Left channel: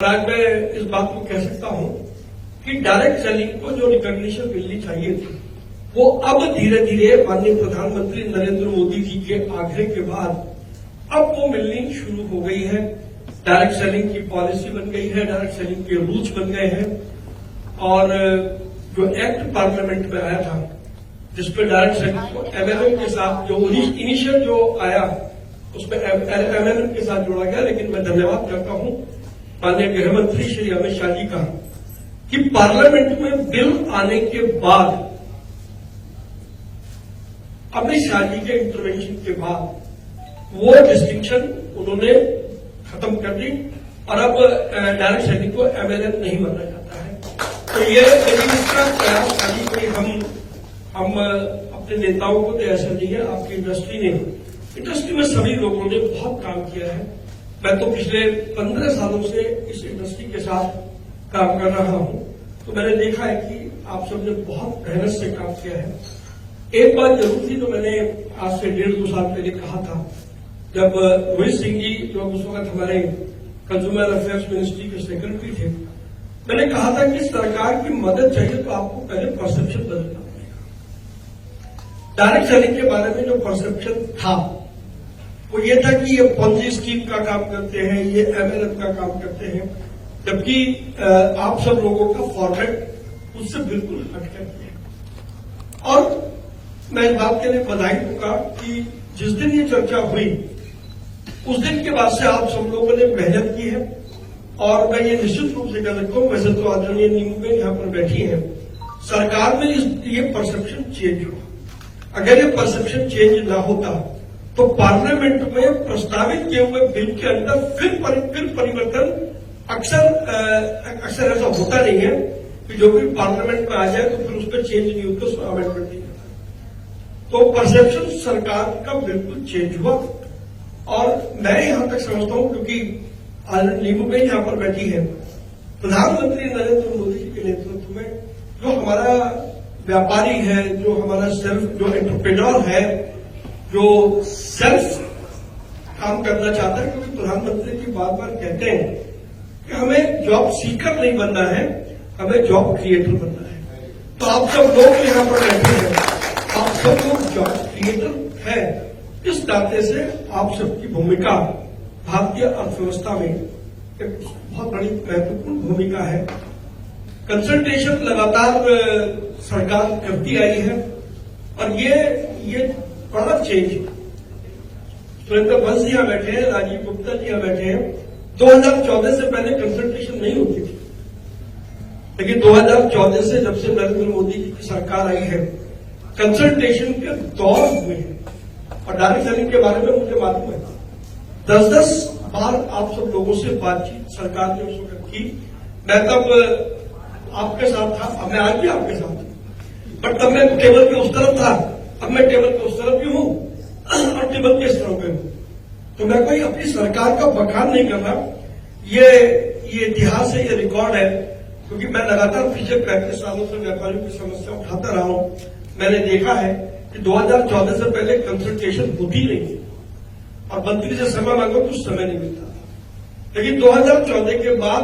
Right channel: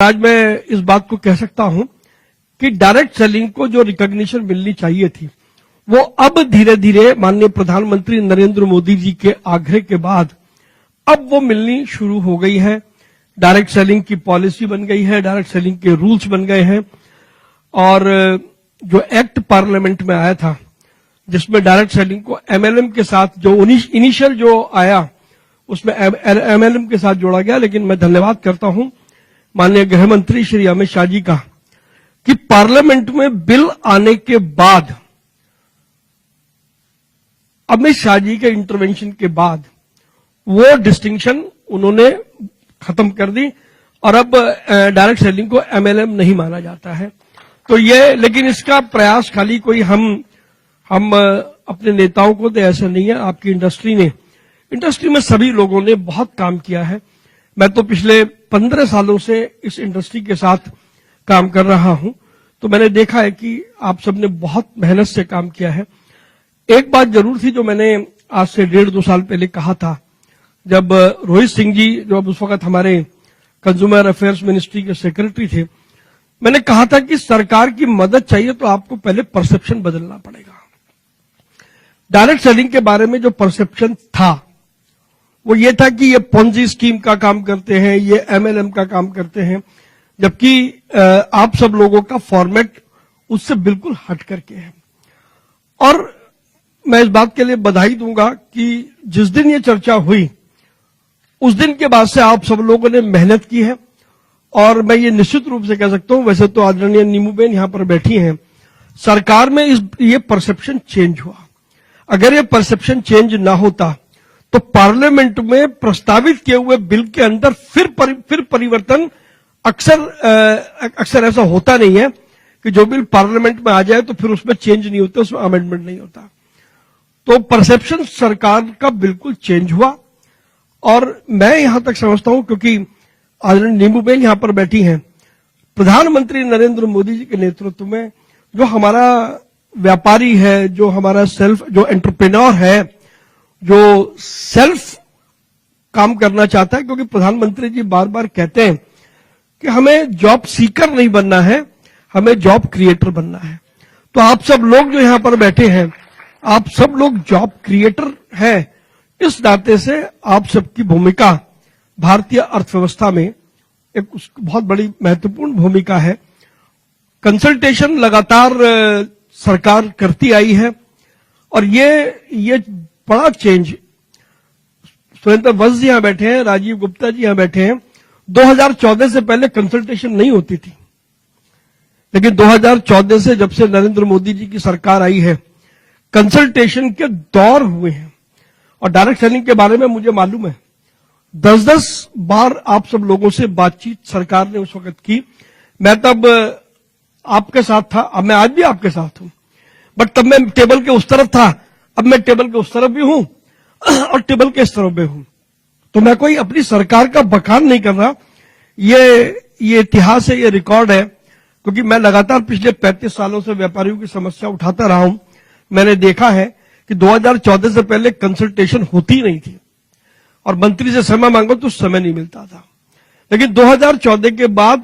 आज मैं इस बात को कह सकता हूं कि डायरेक्ट सेलिंग को जो रिकॉग्निशन मिलनी चाहिए थी वो अब धीरे धीरे माननीय प्रधानमंत्री नरेंद्र मोदी जी के आग्रह के बाद अब वो मिलनी शुरू हो गई है। डायरेक्ट सेलिंग की पॉलिसी बन गई है, डायरेक्ट सेलिंग के रूल्स बन गए हैं और जो एक्ट पार्लियामेंट में आया था जिसमें डायरेक्ट सेलिंग को एमएलएम के साथ जो इनिशियल जो आया उसमें एमएलएम के साथ जोड़ा गया। लेकिन मैं धन्यवाद करता हूं माननीय गृह मंत्री श्री अमित शाह जी का कि पार्लियामेंट में बिल आने के बाद अमित शाह जी के इंटरवेंशन के बाद वो डिस्टिंक्शन उन्होंने खत्म कर दी और अब डायरेक्ट सेलिंग को एमएलएम नहीं माना जाता है। तो ये लेकिन इसका प्रयास खाली कोई हम अपने नेताओं को तो ऐसा नहीं है, आपकी इंडस्ट्री में सभी लोगों ने बहुत काम किया है। मैं तो पिछले 15 सालों से इस इंडस्ट्री के साथ काम कर रहा हूं, तो मैंने देखा है कि आप सबने बहुत मेहनत से काम किया है। एक बात जरूर थी जो मैंने आज से 1.5-2 साल पहले कहा था, जब रोहित सिंह जी जो उस वक्त हमारे कंज्यूमर अफेयर्स मिनिस्ट्री के सेक्रेटरी थे, मैंने कहा था कि सरकार की मदद चाहिए तो आपको पहले परसेप्शन बदलना पड़ेगा। डायरेक्ट सेलिंग के बारे में जो परसेप्शन था वो ये था कि ये पोंजी स्कीम का काम करते हैं, ये एमएलएम का काम करते हैं, जबकि आप सब लोगों का फॉर्मेट उससे बिल्कुल हट करके है। और मैं इस बात के लिए बधाई दूंगा कि जिस दिन ये चर्चा हुई उस दिन के बाद से आप सब लोगों ने मेहनत की है और मैं ये निश्चित रूप से कह सकता हूं, वैसे तो आदरणीय नीमूबेन यहां पर बैठी हैं, सरकार में ये परसेप्शन चेंज हुआ। अगर ये परसेप्शन चेंज ना होता तो पार्लियामेंट में प्रस्तावित किए हुए बिल के अंदर फिर परिवर्तन अक्सर ऐसा होता नहीं है कि जो बिल पार्लियामेंट में आ जाए तो फिर उसमें चेंज नहीं होता, उसमें अमेंडमेंट नहीं होता। तो परसेप्शन सरकार का बिल्कुल चेंज हुआ और मैं यहां तक समझता हूं, क्योंकि आदरणीय नीमूबेन यहां पर बैठी हैं, प्रधानमंत्री नरेंद्र मोदी जी के नेतृत्व में जो हमारा व्यापारी है, जो हमारा जो एंटरप्रेन्योर है, जो सेल्फ काम करना चाहता है, क्योंकि प्रधानमंत्री जी बार बार कहते हैं कि हमें जॉब सीकर नहीं बनना है, हमें जॉब क्रिएटर बनना है। तो आप सब लोग जो यहां पर बैठे हैं, आप सब लोग जॉब क्रिएटर हैं। इस नाते से आप सबकी भूमिका भारतीय अर्थव्यवस्था में एक बहुत बड़ी महत्वपूर्ण भूमिका है। कंसल्टेशन लगातार सरकार करती आई है और ये बड़ा चेंज, सुरेंद्र वंश जी यहां बैठे हैं, राजीव गुप्ता जी यहां बैठे हैं, 2014 से पहले कंसल्टेशन नहीं होती थी, लेकिन 2014 से जब से नरेंद्र मोदी जी की सरकार आई है कंसल्टेशन के दौर हुए हैं। और डायरेक्ट सेलिंग के बारे में मुझे मालूम है 10-10 बार आप सब लोगों से बातचीत सरकार ने उस वक्त की। मैं तब आपके साथ था, अब मैं आज भी आपके साथ हूं, बट तब मैं टेबल के उस तरफ था, अब मैं टेबल के उस तरफ भी हूं और टेबल के इस तरफ भी हूं। तो मैं कोई अपनी सरकार का बखान नहीं कर रहा, ये इतिहास है, ये रिकॉर्ड है, क्योंकि मैं लगातार पिछले 35 सालों से व्यापारियों की समस्या उठाता रहा हूं। मैंने देखा है कि 2014 से पहले कंसल्टेशन होती नहीं थी और मंत्री से समय मांगो तो समय नहीं मिलता था, लेकिन 2014 के बाद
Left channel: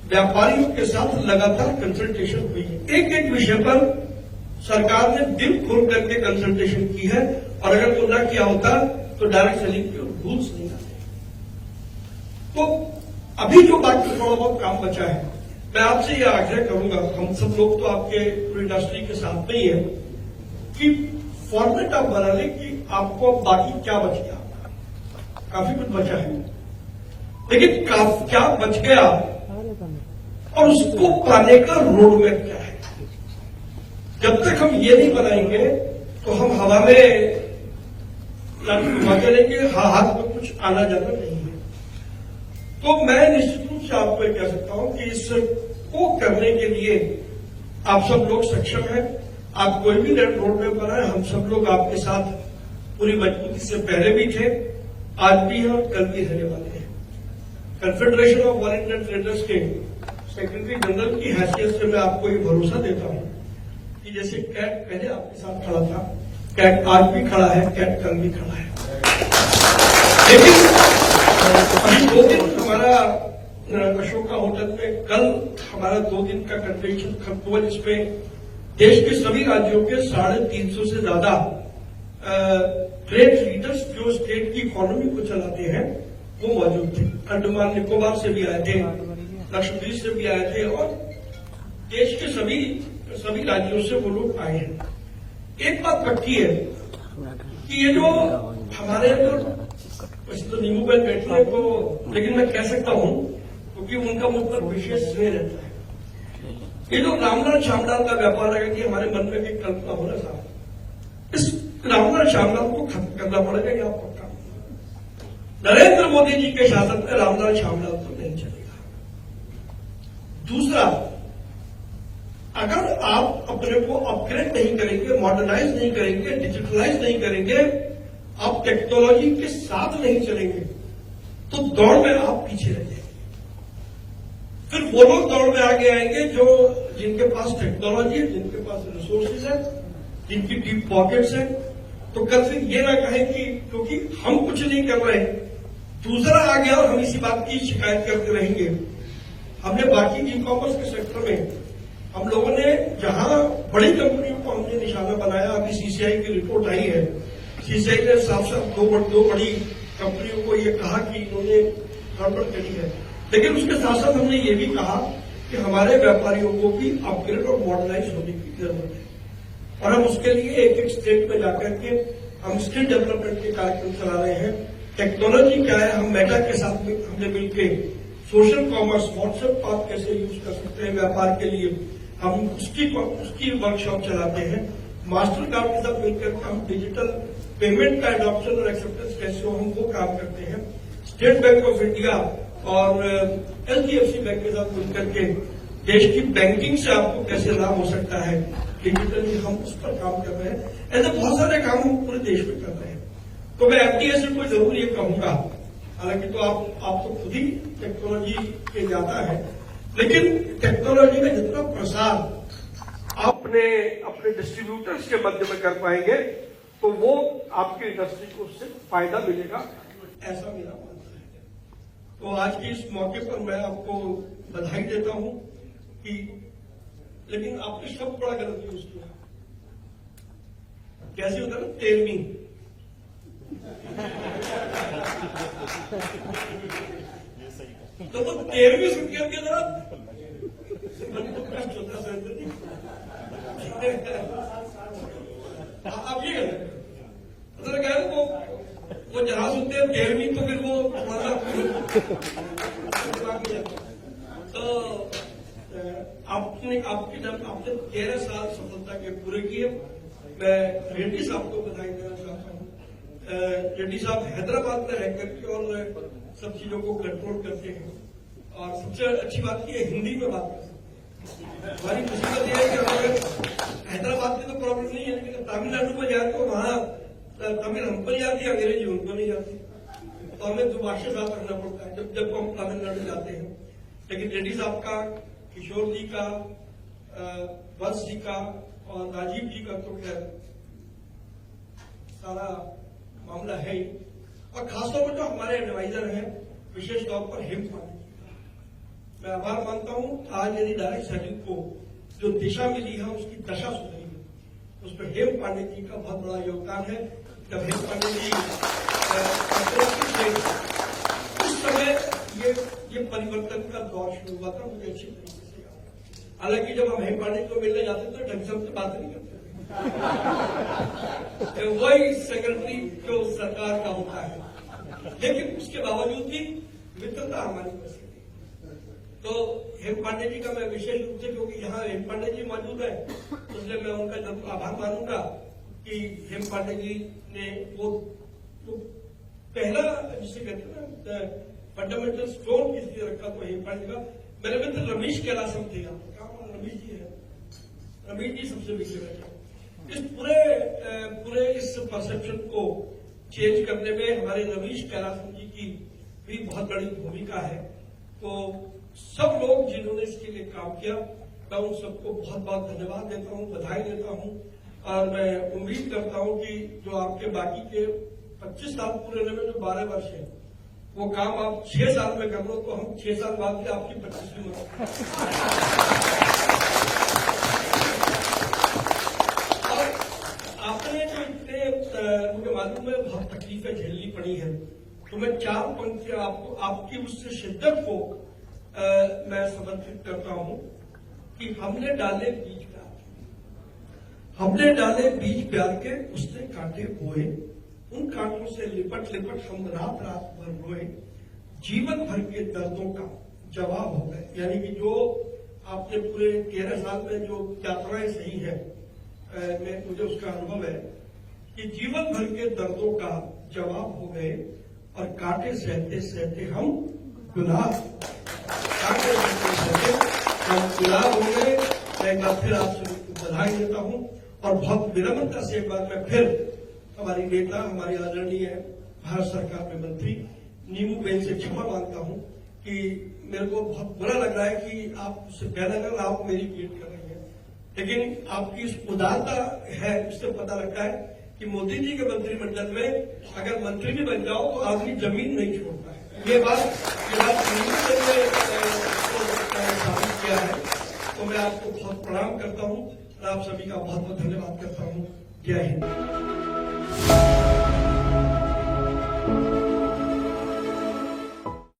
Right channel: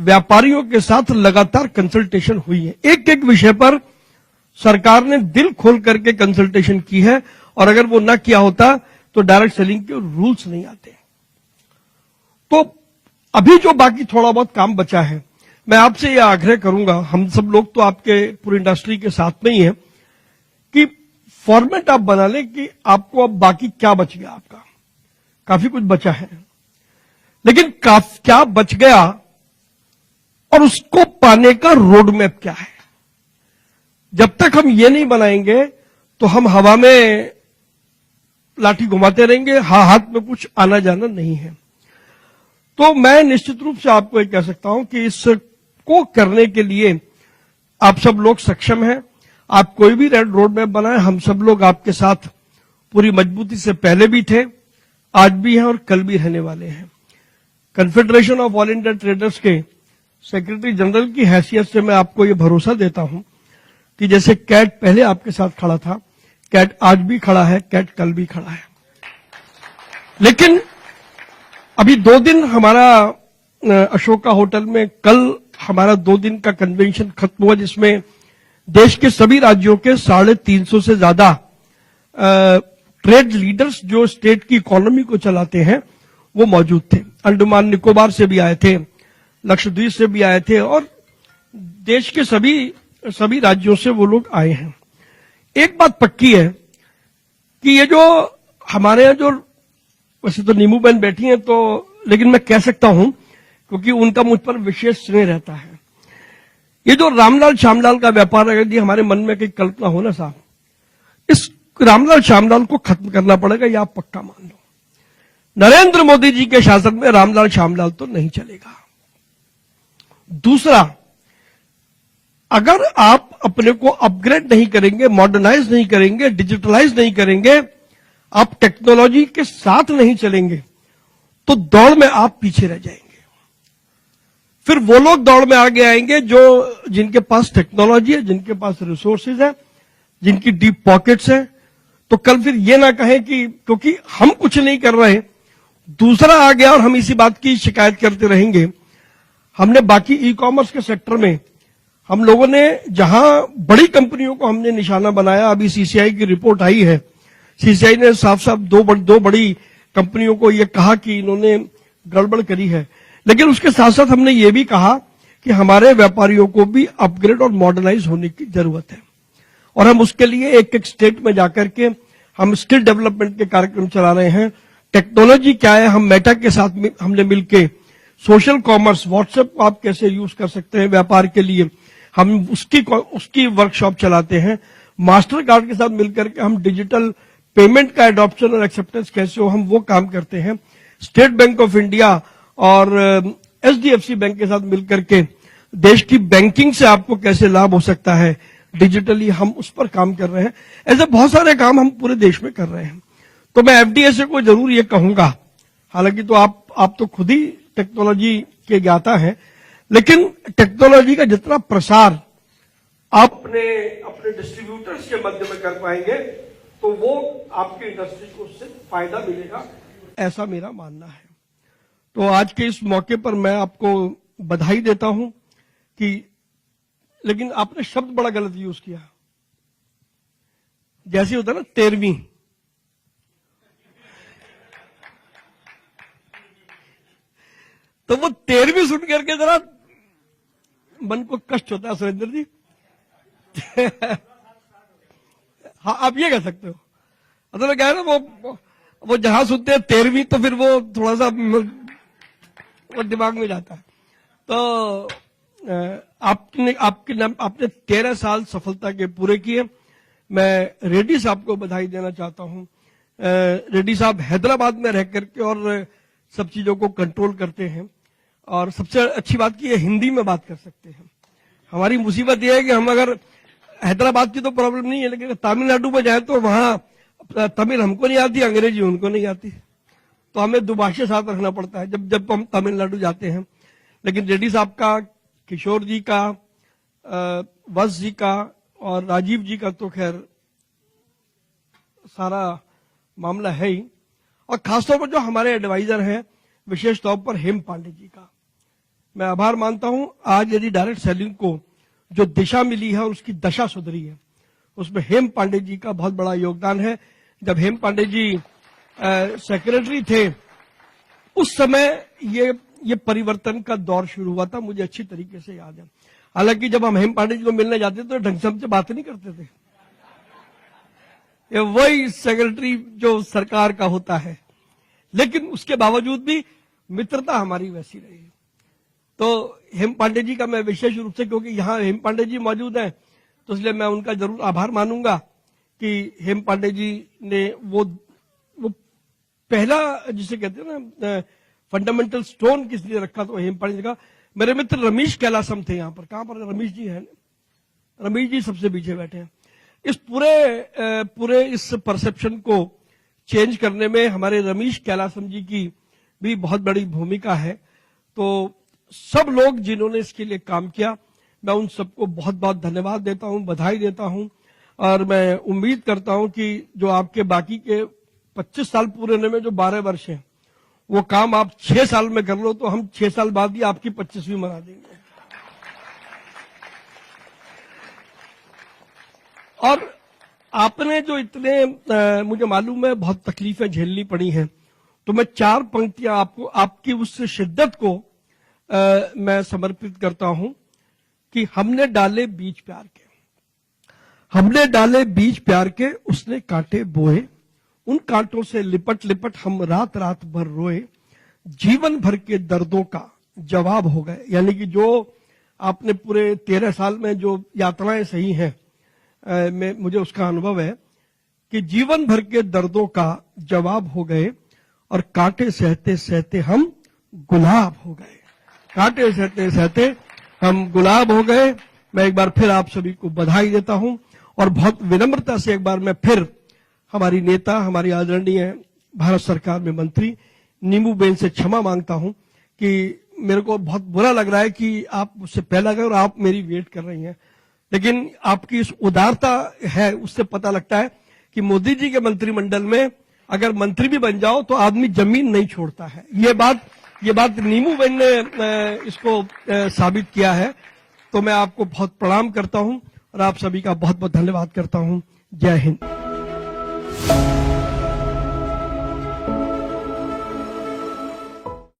व्यापारियों के साथ लगातार कंसल्टेशन हुई है। एक एक विषय पर सरकार ने दिल खोल करके कंसल्टेशन की है और अगर वो ना किया होता तो डायरेक्ट सेलिंग के रूल्स नहीं आते। तो अभी जो बाकी थोड़ा बहुत काम बचा है, मैं आपसे यह आग्रह करूंगा, हम सब लोग तो आपके पूरी इंडस्ट्री के साथ में ही है, कि फॉर्मेट आप बना लें कि आपको अब बाकी क्या बच गया। आपका काफी कुछ बचा है, लेकिन क्या बच गया और उसको पाने का रोड मैप क्या है। जब तक हम ये नहीं बनाएंगे तो हम हवा में लाठी घुमाते रहेंगे, हाथ में कुछ आना जाना नहीं है। तो मैं निश्चित रूप से आपको ये कह सकता हूं कि इसको करने के लिए आप सब लोग सक्षम हैं। आप कोई भी रोड मैप बनाए, हम सब लोग आपके साथ पूरी मजबूती से पहले भी थे, आज भी हैं और कल भी रहने वाले हैं। Confederation of all India traders के सेक्रेटरी जनरल की हैसियत से मैं आपको ये भरोसा देता हूं कि जैसे कैट पहले आपके साथ खड़ा था, कैट आज भी खड़ा है, कैट कल भी खड़ा है। लेकिन अभी 2 दिन हमारा अशोका होटल में कल हमारा 2 दिन का कन्वेंशन खत्म हुआ, जिसमें देश के सभी राज्यों के 350 से ज्यादा ट्रेड लीडर्स जो स्टेट की इकोनॉमी को चलाते हैं वो मौजूद थे। अंडमान निकोबार से भी आए थे, लक्षद्वीप से भी आए थे और देश के सभी राज्यों से वो लोग आए हैं। एक बात पक्की है कि ये जो हमारे यहाँ जो वैसे तो नीमू बहन बैठी हैं तो, लेकिन मैं कह सकता हूं क्योंकि उनका मुझ पर विशेष स्नेह रहता है, ये जो रामलाल श्यामलाल का व्यापार है, यदि हमारे मन में कोई कल्पना हो ना साहब, इस रामलाल श्यामलाल को खत्म करना पड़ेगा, यह आप पक्का मान लो। नरेंद्र मोदी जी के शासन में रामलाल श्यामलाल तो नहीं चलेगा। दूसरा, अगर आप अपने को अपग्रेड नहीं करेंगे, मॉडर्नाइज नहीं करेंगे, डिजिटलाइज नहीं करेंगे, आप टेक्नोलॉजी के साथ नहीं चलेंगे तो दौड़ में आप पीछे रह जाएंगे। फिर वो लोग दौड़ में आगे आएंगे जो जिनके पास टेक्नोलॉजी है, जिनके पास रिसोर्सेज है, जिनकी डीप पॉकेट्स है। तो कल फिर ये ना कहें कि क्योंकि हम कुछ नहीं कर रहे, दूसरा आ गया और हम इसी बात की शिकायत करते रहेंगे। हमने बाकी ई कॉमर्स के सेक्टर में हम लोगों ने जहां बड़ी कंपनियों को हमने निशाना बनाया, अभी सीसीआई की रिपोर्ट आई है, सीसीआई ने साफ साफ दो बड़ी कंपनियों को यह कहा कि इन्होंने गड़बड़ करी है, लेकिन उसके साथ साथ हमने ये भी कहा कि हमारे व्यापारियों को भी अपग्रेड और मॉडर्नाइज होने की जरूरत है और हम उसके लिए एक एक स्टेट में जाकर के हम स्किल डेवलपमेंट के कार्यक्रम चला रहे हैं। टेक्नोलॉजी क्या है, हम मेटा के साथ हमने मिलके सोशल कॉमर्स, व्हाट्सएप को आप कैसे यूज कर सकते हैं व्यापार के लिए, हम उसकी वर्कशॉप चलाते हैं। मास्टर कार्ड के साथ मिलकर के हम डिजिटल पेमेंट का एडॉप्शन और एक्सेप्टेंस कैसे हो, हम वो काम करते हैं। स्टेट बैंक ऑफ इंडिया और एचडीएफसी बैंक के साथ मिलकर के देश की बैंकिंग से आपको कैसे लाभ हो सकता है डिजिटली, हम उस पर काम कर रहे हैं। ऐसे बहुत सारे काम हम पूरे देश में कर रहे हैं। तो मैं एफडीए को जरूर ये कहूंगा, हालांकि तो आप तो खुद ही टेक्नोलॉजी के ज्ञाता हैं, लेकिन टेक्नोलॉजी का जितना प्रसार आप अपने डिस्ट्रीब्यूटर्स के मध्य में कर पाएंगे तो वो आपकी इंडस्ट्री को उससे फायदा मिलेगा, ऐसा मेरा मानना है। तो आज के इस मौके पर मैं आपको बधाई देता हूं कि, लेकिन आपने शब्द बड़ा गलत यूज किया, जैसे होता है ना 13वीं, तो वो 13वीं सुन करके जरा मन को कष्ट होता है सुरेंद्र जी। हाँ, आप ये कह सकते हो, मतलब क्या है ना, वो जहां सुनते हैं 13वीं तो फिर वो थोड़ा सा दिमाग में जाता है। तो आपने 13 साल सफलता के पूरे किए। मैं रेड्डी साहब को बधाई देना चाहता हूं। रेड्डी साहब हैदराबाद में रह करके और सब चीजों को कंट्रोल करते हैं और सबसे अच्छी बात की हिंदी में बात कर सकते हैं। हमारी मुसीबत यह है कि हम अगर हैदराबाद की तो प्रॉब्लम नहीं है, लेकिन तमिलनाडु में जाए तो वहां तमिल हमको नहीं आती, अंग्रेजी उनको नहीं आती, तो हमें दुभाषी साथ रखना पड़ता है जब हम तमिलनाडु जाते हैं। लेकिन रेड्डी साहब का, किशोर जी का, वत्स जी का और राजीव जी का तो खैर सारा मामला है ही, और खासतौर पर जो हमारे एडवाइजर हैं, विशेष तौर पर हेम पांडे जी का मैं आभार मानता हूं। आज यदि डायरेक्ट सेलिंग को जो दिशा मिली है, उसकी दशा सुधरी है, उसमें हेम पांडे जी का बहुत बड़ा योगदान है। जब हेम पांडे जी सेक्रेटरी थे उस समय ये परिवर्तन का दौर शुरू हुआ था, मुझे अच्छी तरीके से याद है। हालांकि जब हम हेम पांडे जी को मिलने जाते तो ढंग से हमसे बात नहीं करते थे वही सेक्रेटरी जो सरकार का होता है, लेकिन उसके बावजूद भी मित्रता हमारी वैसी रही। तो हेम पांडे जी का मैं विशेष रूप से, क्योंकि यहां हेम पांडे जी मौजूद हैं, तो इसलिए मैं उनका जरूर आभार मानूंगा कि हेम पांडे जी ने वो पहला जिसे कहते हैं ना फंडामेंटल स्टोन किस लिए रखा, तो हेम पांडे जी का। मेरे मित्र रमेश कैलासम थे यहाँ पर, कहां पर रमेश जी हैं? रमेश जी सबसे पीछे बैठे हैं। इस पूरे इस परसेप्शन को चेंज करने में हमारे रमेश कैलासम जी की भी बहुत बड़ी भूमिका है। तो सब लोग जिन्होंने इसके लिए काम किया, मैं उन सबको बहुत बहुत धन्यवाद देता हूं, बधाई देता हूं, और मैं उम्मीद करता हूं कि जो आपके बाकी के 25 साल पूरे होने में जो 12 वर्ष हैं, वो काम आप 6 साल में कर लो तो हम 6 साल बाद ही आपकी 25वीं मनाएंगे। और आपने जो इतने मुझे मालूम है बहुत तकलीफें झेलनी पड़ी हैं, तो मैं 4 पंक्तियां आपको आपकी उस शिद्दत को मैं समर्पित करता हूं कि हमने डाले बीज प्यार के, हमने डाले बीज प्यार के, उसने कांटे बोए, उन कांटों से लिपट लिपट हम रात रात भर रोए, जीवन भर के दर्दों का जवाब हो गए। यानी कि जो आपने पूरे 13 साल में जो यात्राएं सही हैं, मुझे उसका अनुभव है कि जीवन भर के दर्दों का जवाब हो गए और कांटे सहते सहते हम गुलाब हो गए, कांटे सहते सहते हम गुलाब हो गए। मैं एक बार फिर आप सभी को बधाई देता हूं और बहुत विनम्रता से एक बार मैं फिर हमारी नेता, हमारी आदरणीय भारत सरकार में मंत्री नीमू बेन से क्षमा मांगता हूं कि मेरे को बहुत बुरा लग रहा है कि आप उससे पहले गए और आप मेरी वेट कर रही हैं, लेकिन आपकी इस उदारता है, उससे पता लगता है कि मोदी जी के मंत्रिमंडल में अगर मंत्री भी बन जाओ तो आदमी जमीन नहीं छोड़ता है। ये बात नीमू बेन ने उसको साबित किया है। तो मैं आपको बहुत प्रणाम करता हूं और आप सभी का बहुत बहुत धन्यवाद करता हूं। जय हिंद।